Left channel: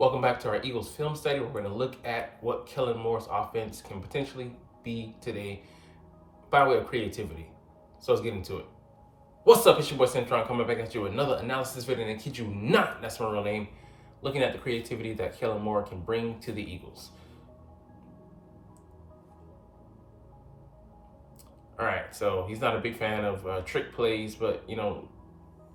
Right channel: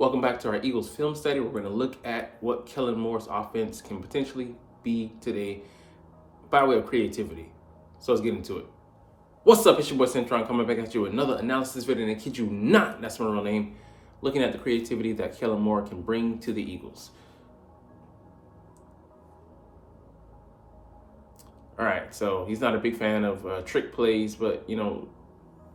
Welcome back to our Eagles film study. We're going to look at what Kellen Moore's offense can potentially be today by way of creativity. So let's get into it. What's up? It's your boy Cintron coming back at you with another analysis video. And kid you not, that's my real name. Looking at the creativity that Kellen Moore can bring to the Eagles. All right, so he's not a big fan of trick plays, but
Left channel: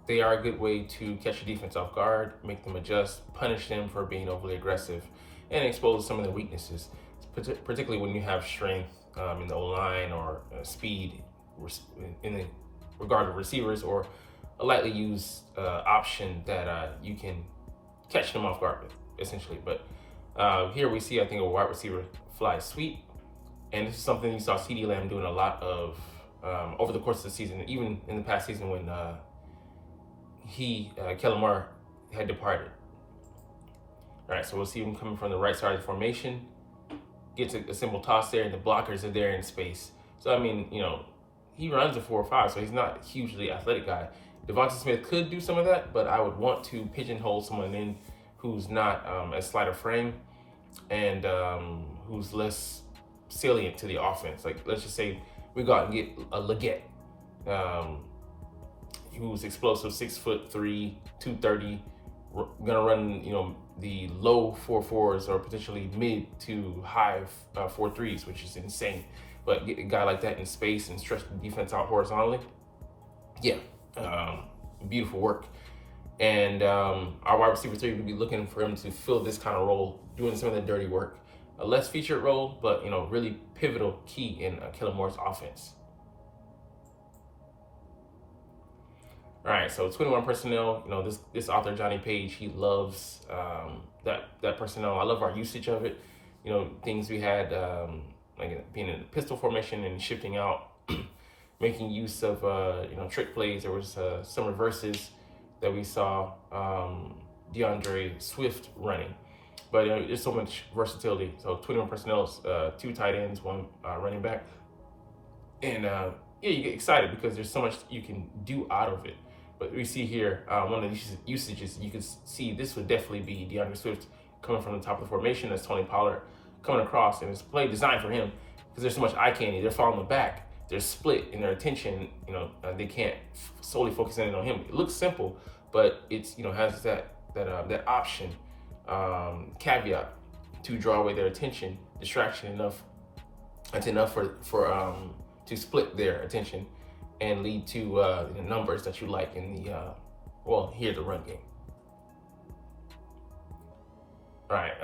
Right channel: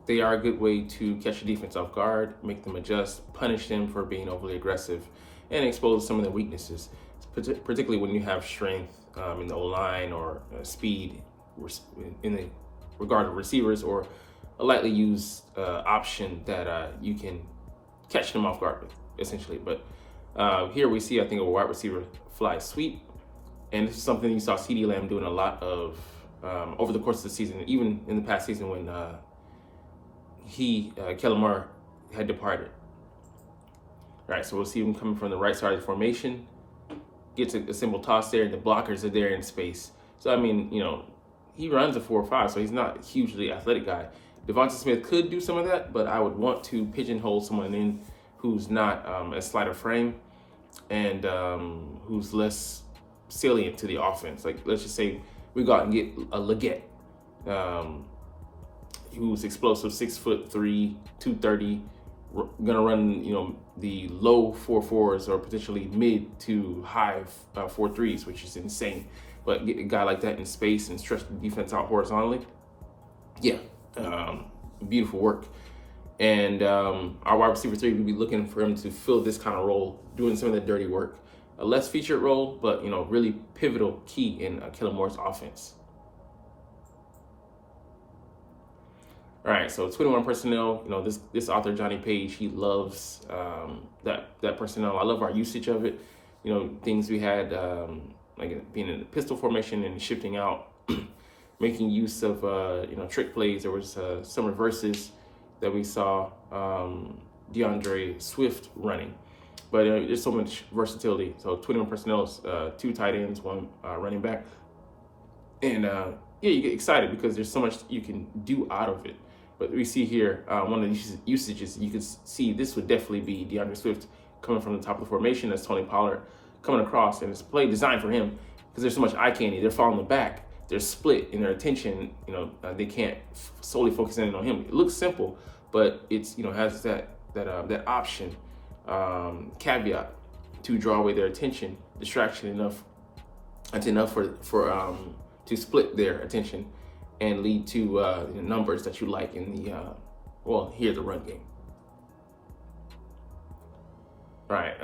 they are a good way to catch a defense off guard, make them adjust, punish them for being overly aggressive, and expose some of their weaknesses, particularly when you have strength in the O-line or speed in the regard of receivers, or a lightly used option that you can catch them off guard with, essentially. But here we see, I think, a wide receiver fly sweep, and this is something you saw CeeDee Lamb doing a lot of over the course of the season, even in the past season when Kellen Moore had departed. All right, so we'll see him coming from the right side of the formation. Gets a simple toss there, and the blockers are there in space. So, I mean, he runs a 4.5, so he's not a hugely athletic guy. Devonta Smith could do some of that, but I would want to pigeonhole someone in who's not as slight of frame and who's less salient to the offense. Like, let's just say we go out and get a Leggett, who's explosive, 6'3", 230, gonna run the low 4.4s or potentially mid to high 4.3s, which is insane. But get a guy like that in space and stretch the defense out horizontally, yeah, beautiful work. And our wide receiver 3 would be looking for him to fill this kind of role, doing some of the dirty work. A less featured role, but really pivotal key in Kellen Moore's offense. All right, so 21 personnel. This author Johnny Page, he loves that personnel. I love our usage of it. Things we had like being in the pistol formation and shifting out, making use of trick plays. There was some reverses that we saw DeAndre Swift running, but there's so much versatility. So 21 personnel, 2 tight ends, 1 running back, and you get excited because there's so much you can do out of it. But we see here one of these usages. You can see this would definitely be DeAndre Swift coming from the top of the formation. That's Tony Pollard coming across, and it's a play designed for him because there's so much eye candy. They're falling the back. They're split in their attention. They can't solely focus in on him. It looks simple, but it's has that option caveat to draw away their attention, distraction enough. That's enough for to split their attention and lead to numbers that you like in the the run game. All right,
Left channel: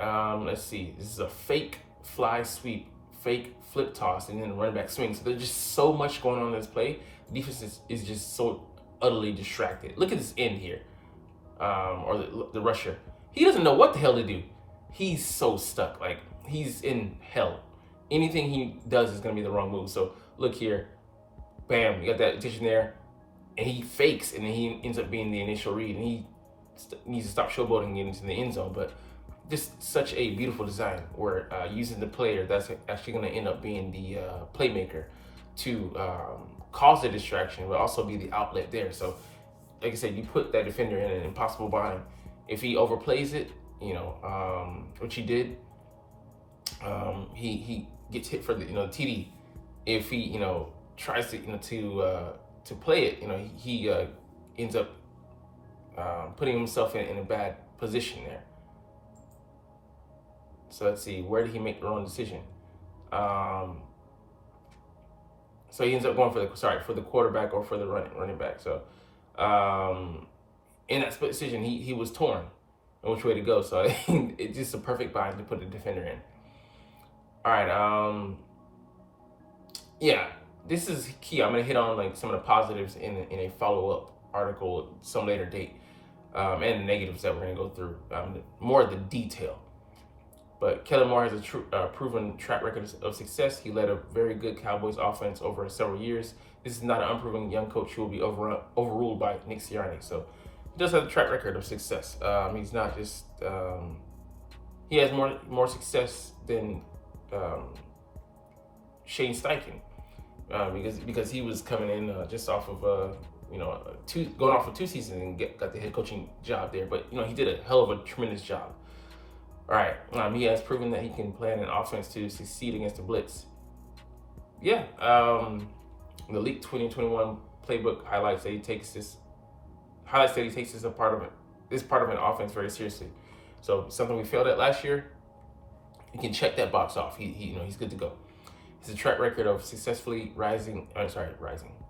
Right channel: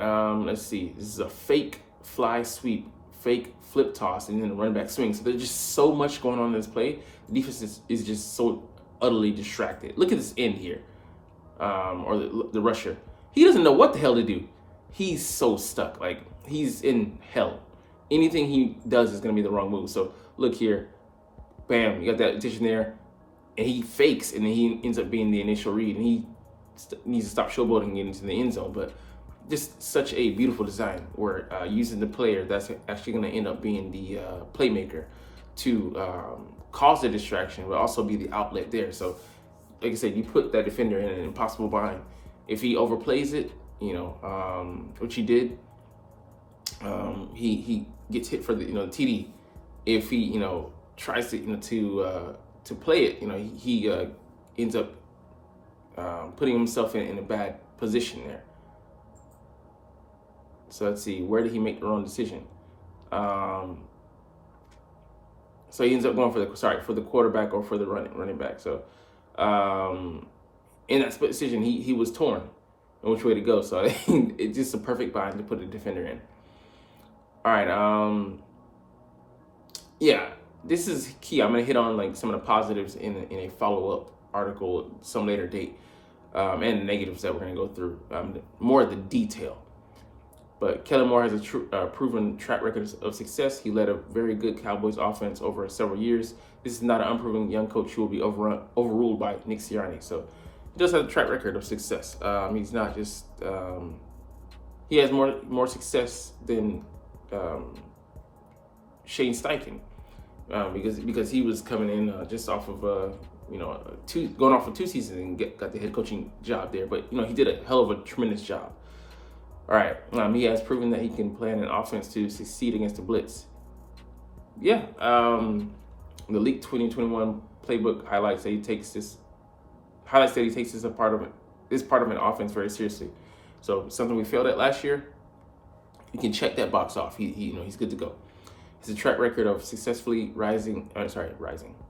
let's see. This is a fake fly sweep, fake flip toss, and then a running back swing. So there's just so much going on in this play. The defense is just so utterly distracted. Look at this end here, or the rusher. He doesn't know what the hell to do. He's so stuck. Like, he's in hell. Anything he does is going to be the wrong move. So look here. Bam, you got that attention there, and he fakes, and then he ends up being the initial read, and he needs to stop showboating and get into the end zone. But this is such a beautiful design where using the player that's actually going to end up being the playmaker to cause the distraction, but also be the outlet there. So, like I said, you put that defender in an impossible bind. If he overplays it, which he did, he gets hit for the TD. If he tries to play it, he ends up putting himself in a bad position there. So let's see, where did he make the wrong decision? So he ends up going for the quarterback or for the running back. So in that split decision, he was torn on which way to go. So it's just a perfect bind to put the defender in. All right, yeah. This is key. I'm going to hit on some of the positives in a follow-up article some later date, and negatives that we're going to go through, more of the detail. But Kellen Moore has a proven track record of success. He led a very good Cowboys offense over several years. This is not an unproven young coach who will be overruled by Nick Sirianni. So he does have a track record of success. He's not just he has more success than Shane Steichen. Because he was coming in just off of going off for 2 seasons and got the head coaching job there. But he did a hell of a tremendous job. All right, he has proven that he can plan an offense to succeed against the blitz. Yeah, the League 2021 playbook highlights that he takes this a part of it, this part of an offense very seriously. So something we failed at last year, you can check that box off. He's good to go. It's a track record of successfully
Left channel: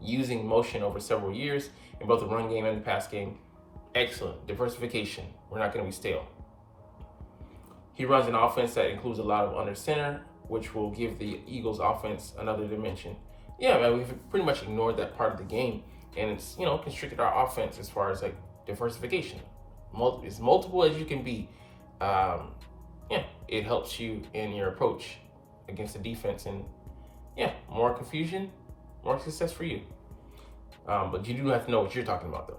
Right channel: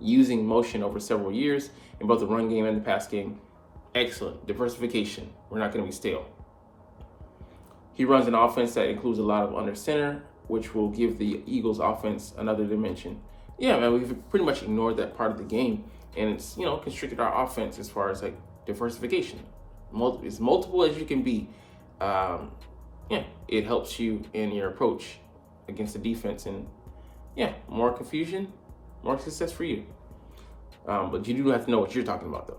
using motion over several years in both the run game and the pass game. Excellent diversification. We're not going to be stale. He runs an offense that includes a lot of under center, which will give the Eagles offense another dimension. Yeah, man, we've pretty much ignored that part of the game, and it's constricted our offense as far as like diversification. As multiple as you can be. It helps you in your approach against the defense, and more confusion, more success for you. But you do have to know what you're talking about, though.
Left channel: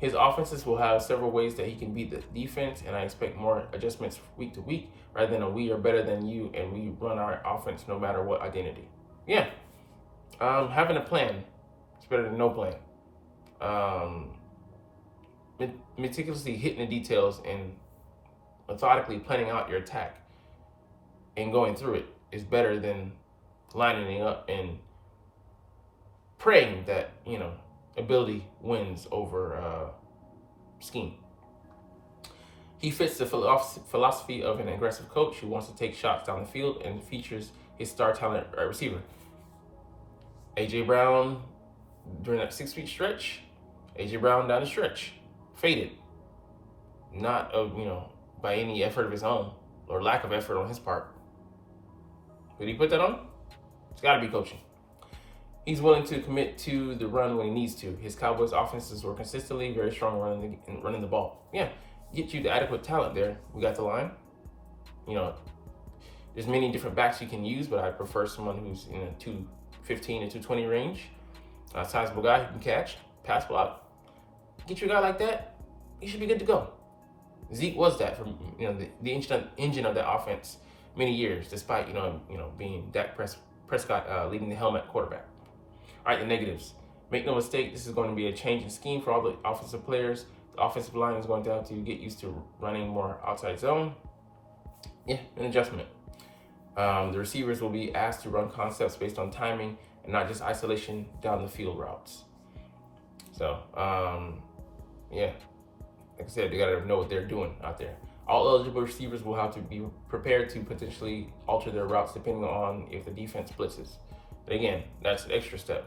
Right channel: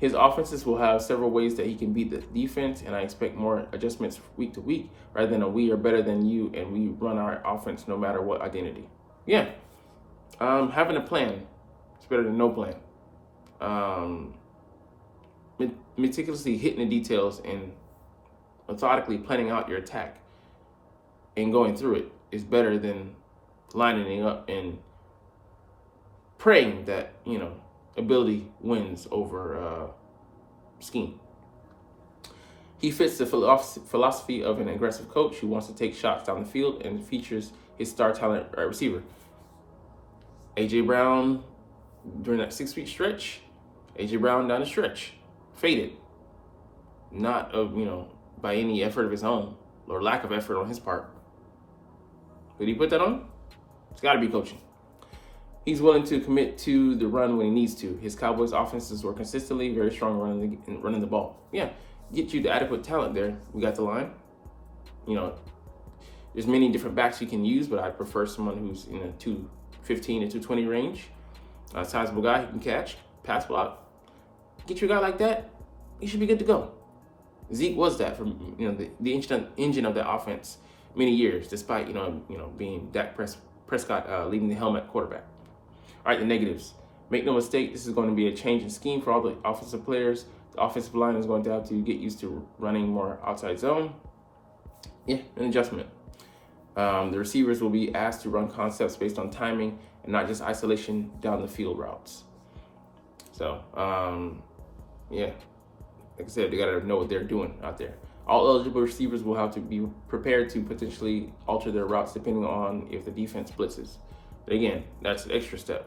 His offenses will have several ways that he can beat the defense, and I expect more adjustments week to week rather than a we are better than you and we run our offense no matter what identity. Yeah. Having a plan is better than no plan. Meticulously hitting the details and methodically planning out your attack and going through it is better than lining it up and praying that, ability wins over scheme. He fits the philosophy of an aggressive coach who wants to take shots down the field and features his star talent receiver. A.J. Brown, during that 6-week stretch, A.J. Brown down the stretch, faded. Not by any effort of his own or lack of effort on his part. Did he put that on? It's got to be coaching. He's willing to commit to the run when he needs to. His Cowboys offenses were consistently very strong running the ball. Yeah, get you the adequate talent there. We got the line. There's many different backs you can use, but I prefer someone who's in the 215 to 220 range. A sizable guy who can catch, pass block. Get you a guy like that, you should be good to go. Zeke was that for the engine of that offense many years, despite being Dak Prescott leading the helmet quarterback. All right, the negatives. Make no mistake, this is going to be a change in scheme for all the offensive players. The offensive line is going to have to get used to running more outside zone. Yeah, an adjustment. The receivers will be asked to run concepts based on timing and not just isolation down the field routes. So, like I said, they got to know what they're doing out there. All eligible receivers will have to be prepared to potentially alter their routes depending on if the defense blitzes. But again, that's an extra step.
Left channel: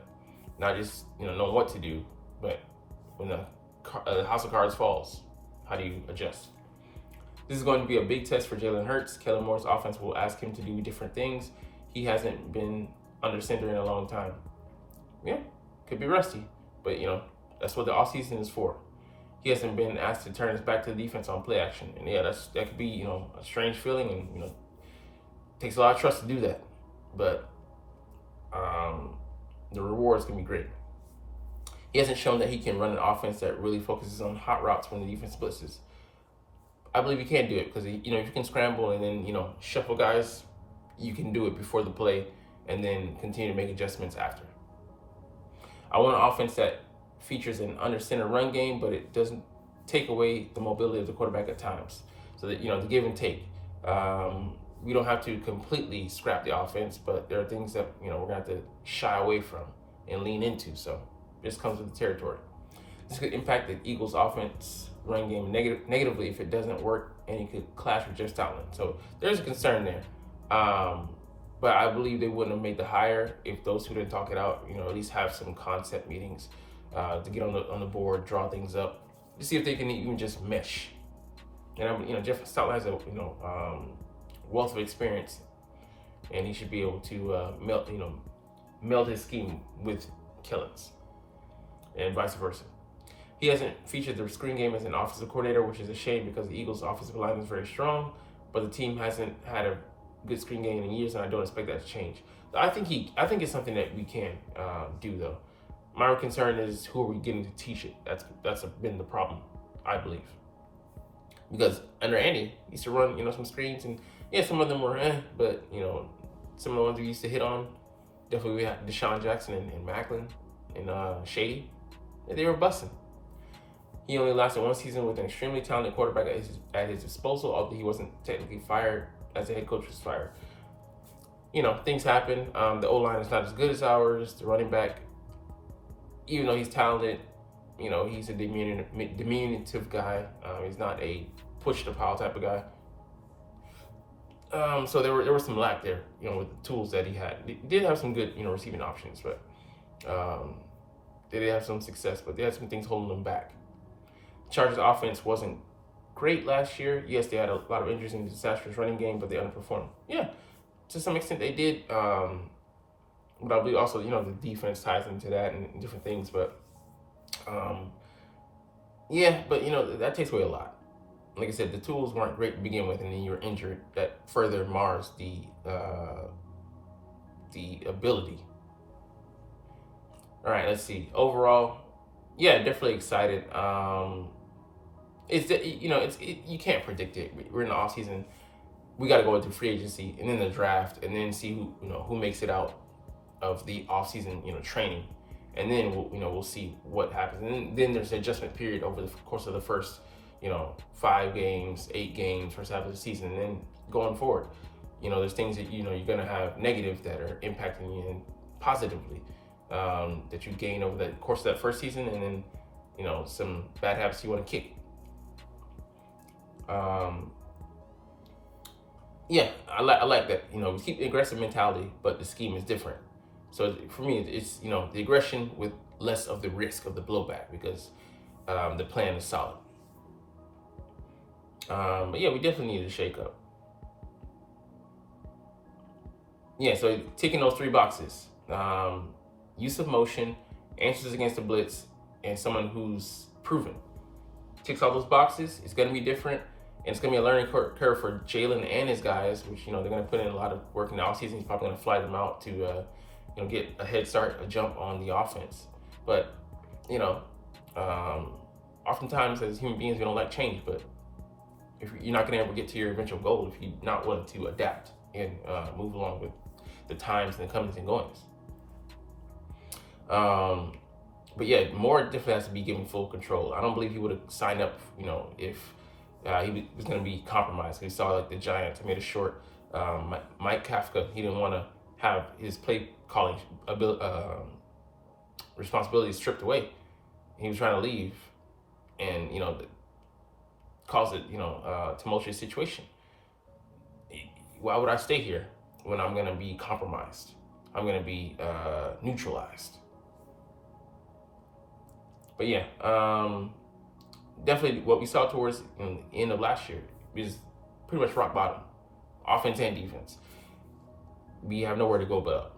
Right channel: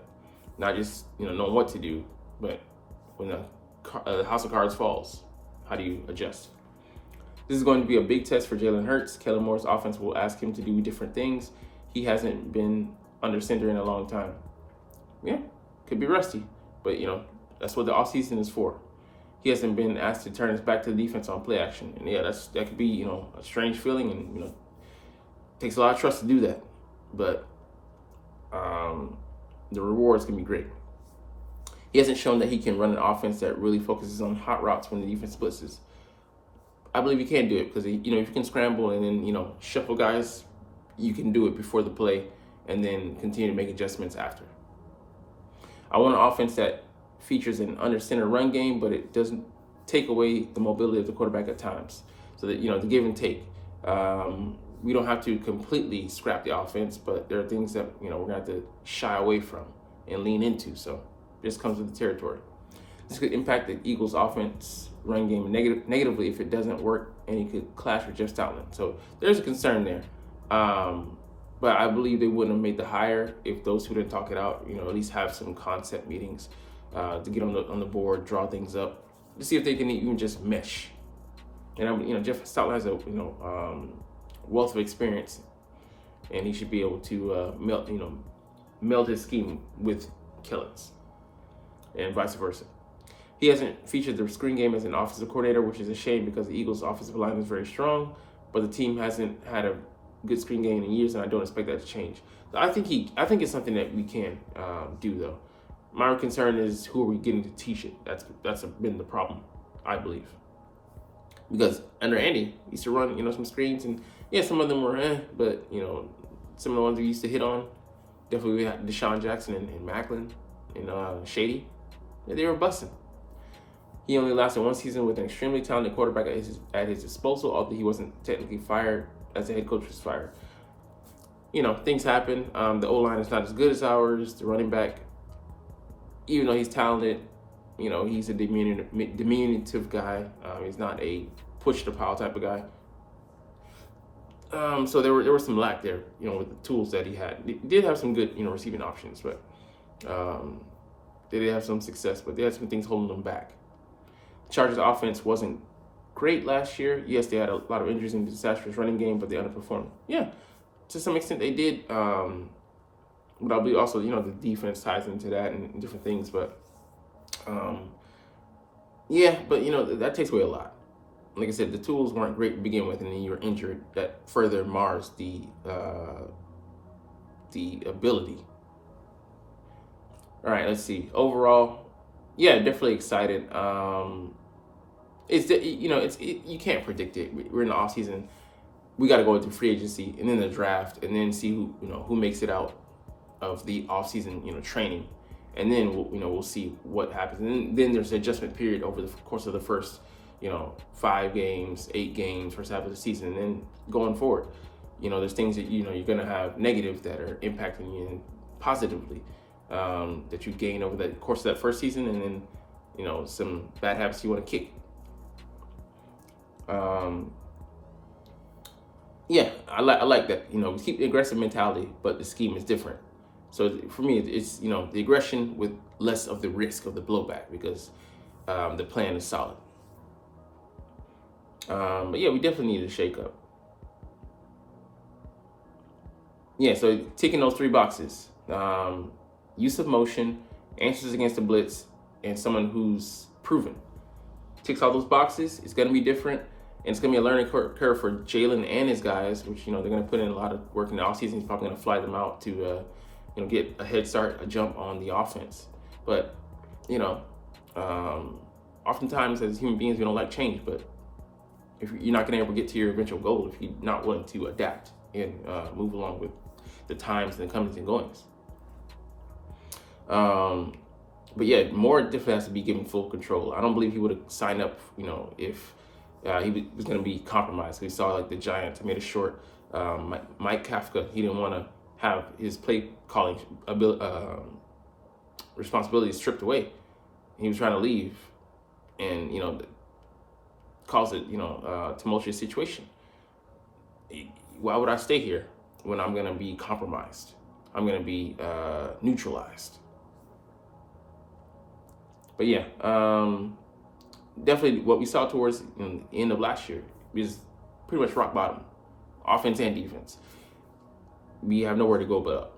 Not just knowing what to do, but when the house of cards falls, how do you adjust? This is going to be a big test for Jalen Hurts. Kellen Moore's offense will ask him to do different things. He hasn't been under center in a long time. Yeah, could be rusty, but that's what the offseason is for. He hasn't been asked to turn his back to the defense on play action, and that could be a strange feeling, and takes a lot of trust to do that, but the rewards can be great. He hasn't shown that he can run an offense that really focuses on hot routes when the defense blitzes. I believe he can do it because if you can scramble and then shuffle guys, you can do it before the play and then continue to make adjustments after. I want an offense that features an under center run game, but it doesn't take away the mobility of the quarterback at times. So that the give and take. We don't have to completely scrap the offense, but there are things that we're gonna have to shy away from and lean into. So this comes with the territory. This could impact the Eagles' offense run game negatively if it doesn't work, and it could clash with Jeff Stoutland. So there's a concern there. But I believe they wouldn't have made the hire if those who didn't talk it out, at least have some concept meetings to get on the board, draw things up, to see if they can even just mesh. And Jeff Stoutland has a wealth of experience, and he should be able to meld his scheme with Kellen's, and vice versa. He hasn't featured the screen game as an offensive coordinator, which is a shame because the Eagles' offensive line is very strong, but the team hasn't had a good screen game in years, and I don't expect that to change. I think it's something that we can do, though. My concern is who are we getting to teach it? That's been the problem, I believe. Because under Andy, he used to run some screens, and some of them were but some of the ones we used to hit on, definitely we had Deshaun Jackson and Macklin and Shady. They were busting. He only lasted one season with an extremely talented quarterback at his disposal, although he wasn't technically fired as the head coach was fired. Things happen. The O-line is not as good as ours. The running back, even though he's talented, he's a diminutive guy. He's not a push the pile type of guy. So there was some lack there, with the tools that he had. He did have some good, receiving options, but they did have some success, but they had some things holding them back. Chargers offense wasn't great last year. Yes, they had a lot of injuries in the disastrous running game, but they underperformed. Yeah, to some extent they did. But I believe also, the defense ties into that and different things. But that takes away a lot. Like I said, the tools weren't great to begin with, and then you're injured. That further mars the ability. All right, let's see. Overall, yeah, definitely excited. You can't predict it. We're in the off season. We got to go into free agency and then the draft, and then see who makes it out of the off season training, and then we'll see what happens. And then there's an adjustment period over the course of the first 5 games, 8 games, first half of the season, and then going forward. There's things that you're gonna have negative that are impacting you positively that you gain over the course of that first season, and then some bad habits you want to kick. I like that. We keep the aggressive mentality, but the scheme is different. So for me, it's the aggression with less of the risk of the blowback, because the plan is solid. But yeah, we definitely need a shake up. Yeah, so ticking those 3 boxes: use of motion, answers against the blitz, and someone who's proven. Ticks all those boxes. It's going to be different, and it's going to be a learning curve for Jalen and his guys, which they're going to put in a lot of work in the offseason. He's probably going to fly them out to get a head start, a jump on the offense. But oftentimes as human beings, we don't like change. But if you're not going to ever get to your eventual goal if you're not willing to adapt and move along with the times and the comings and goings. But yeah, Moore definitely has to be given full control. I don't believe he would have signed up, if he was going to be compromised. We saw the Giants made a short. Mike Kafka, he didn't want to have his play calling responsibilities stripped away. He was trying to leave, and cause it tumultuous situation. Why would I stay here when I'm going to be compromised? I'm going to be neutralized. But yeah, definitely what we saw towards the end of last year is pretty much rock bottom, offense and defense. We have nowhere to go but up.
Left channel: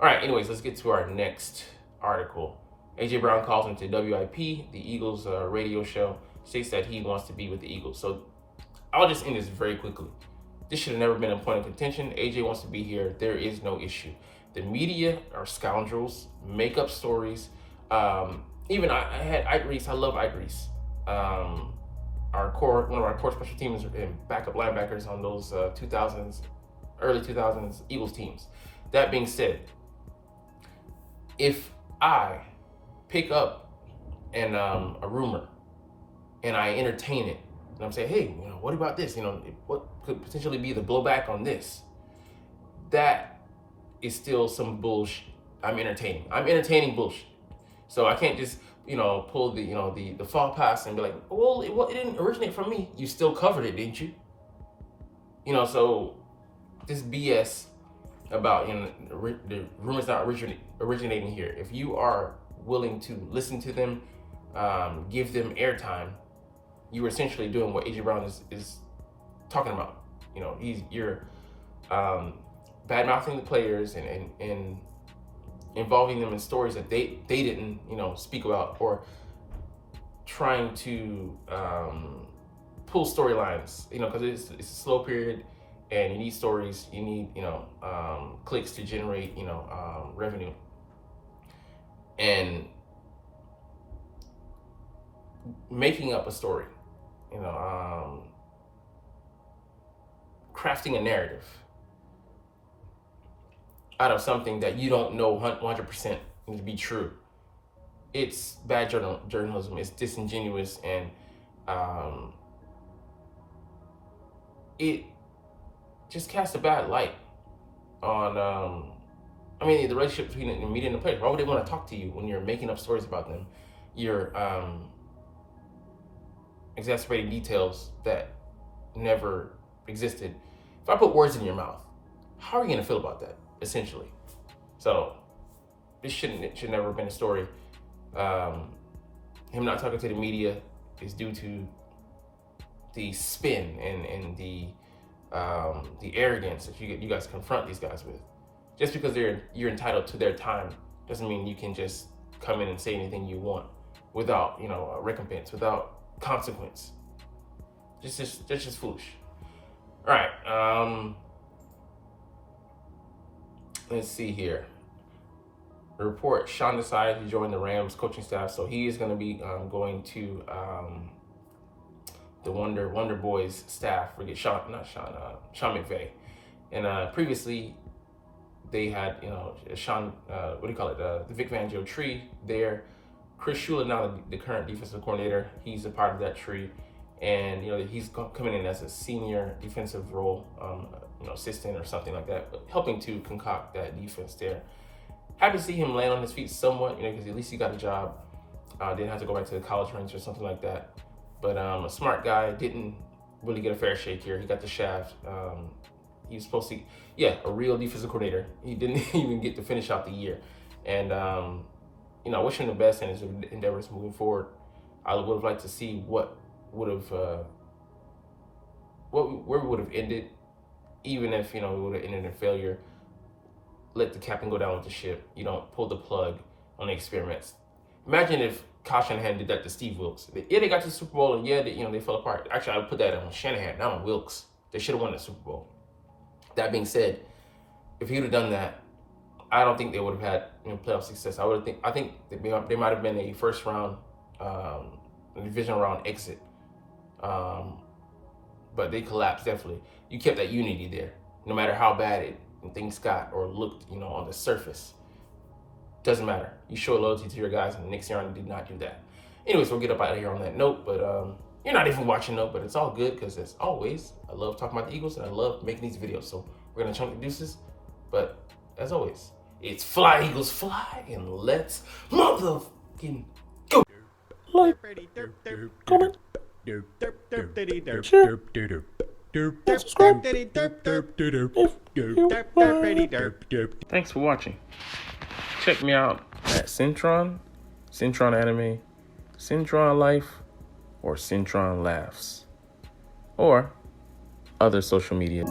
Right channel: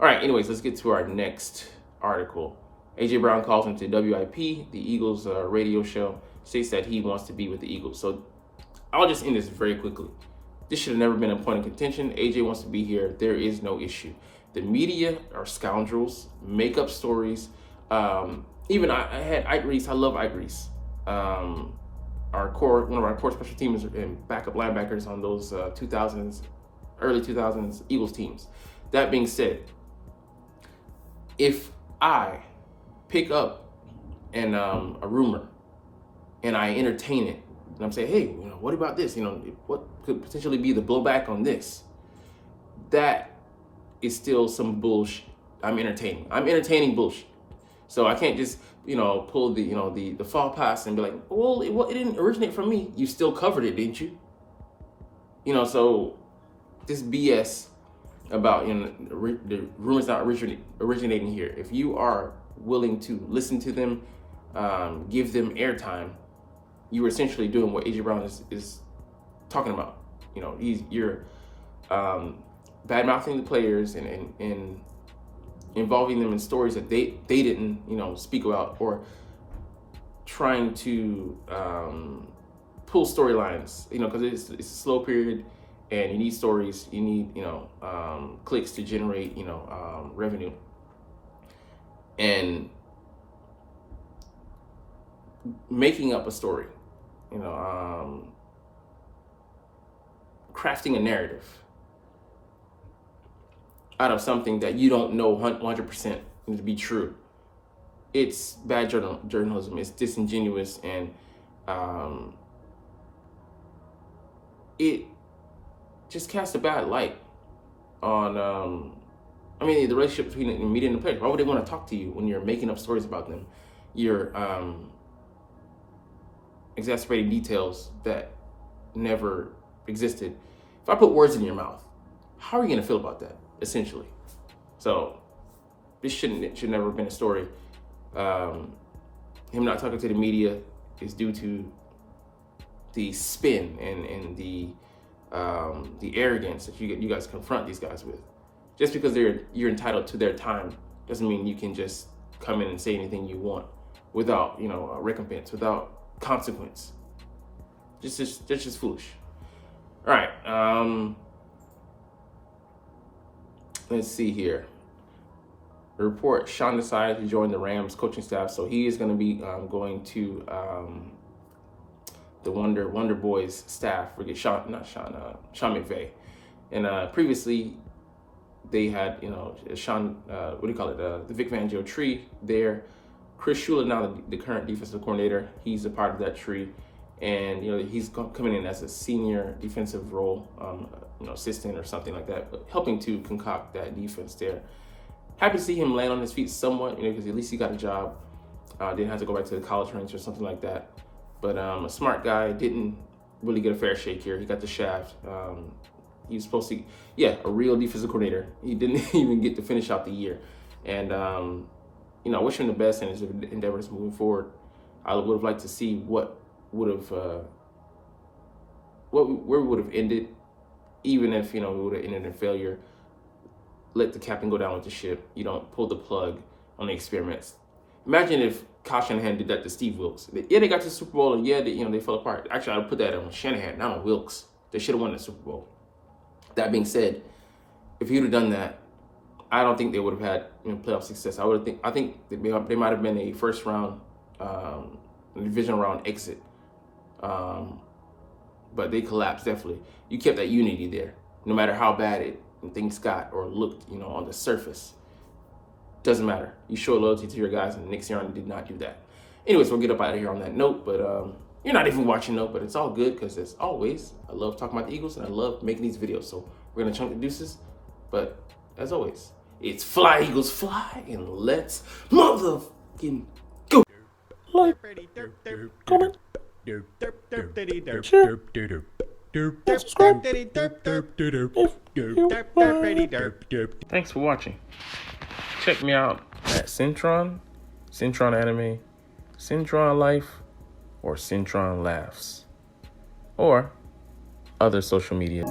All right, anyways, let's get to our next article. A.J. Brown calls into WIP, the Eagles radio show, states that he wants to be with the Eagles. So I'll just end this very quickly. This should have never been a point of contention. A.J. wants to be here. There is no issue. The media are scoundrels, make up stories. Even I had Ike Reese. I love Ike Reese. One of our core special teams and backup linebackers on those early 2000s Eagles teams. That being said, if I pick up a rumor and I entertain it, and I'm saying, hey, what about this? What could potentially be the blowback on this? That is still some bullshit. I'm entertaining bullshit. So I can't just, pull the fall pass and be like, well, it didn't originate from me. You still covered it, didn't you? So this BS about the rumors not originating here. If you are willing to listen to them, give them airtime, you're essentially doing what A.J. Brown is talking about. You're bad-mouthing the players and involving them in stories that they didn't speak about, or trying to pull storylines, because it's a slow period and you need stories, you need clicks to generate revenue, and making up a story, crafting a narrative out of something that you don't know 100% to be true it's bad journalism. It's disingenuous, and it just casts a bad light on, I mean, the relationship between the media and the players. Why would they want to talk to you when you're making up stories about them? You're exacerbating details that never existed. If I put words in your mouth, how are you going to feel about that, essentially? So this should never have been a story. Him not talking to the media is due to the spin and the arrogance that you guys confront these guys with. Just because you're entitled to their time doesn't mean you can just come in and say anything you want without, you know, recompense, without consequence. That's just foolish. All right. Let's see here. The report: Sean decided to join the Rams coaching staff, so he is going to be going to the Wonder Boys staff. Forget Sean McVay. And previously, they had, you know, Sean, the Vic Fangio tree there. Chris Shula, now the current defensive coordinator, he's a part of that tree, and you know he's coming in as a senior defensive role, you know, assistant or something like that, but helping to concoct that defense there. Happy to see him land on his feet somewhat, you know, because at least he got a job. Didn't have to go back to the college ranks or something like that. But a smart guy, didn't really get a fair shake here. He got the shaft. He was supposed to, a real defensive coordinator. He didn't even get to finish out the year. And, you know, I wish him the best in his endeavors moving forward. I would have liked to see where we would have ended, even if, you know, we would have ended in failure. Let the captain go down with the ship. You don't pull the plug on the experiments. Imagine if Kyle Shanahan did that to Steve Wilkes. They got to the Super Bowl, and they fell apart. Actually, I would put that on Shanahan, not on Wilkes. They should have won the Super Bowl. That being said, if he would have done that, I don't think they would have had, you know, playoff success. I think they might have been a first round, divisional round exit. But they collapsed, definitely. You kept that unity there, no matter how bad things got or looked, you know, on the surface. Doesn't matter. You show loyalty to your guys, and Nick Sirianni did not do that. Anyways, we'll get up out of here on that note. But you're not even watching though, but it's all good because as always, I love talking about the Eagles and I love making these videos. So we're gonna chunk the deuces. But as always, it's fly Eagles fly, and let's motherfucking go. Like, comment, share, and subscribe. Thanks for watching. Check me out at Cintron Anime, Cintron Life, or Cintron Laughs, or other social media.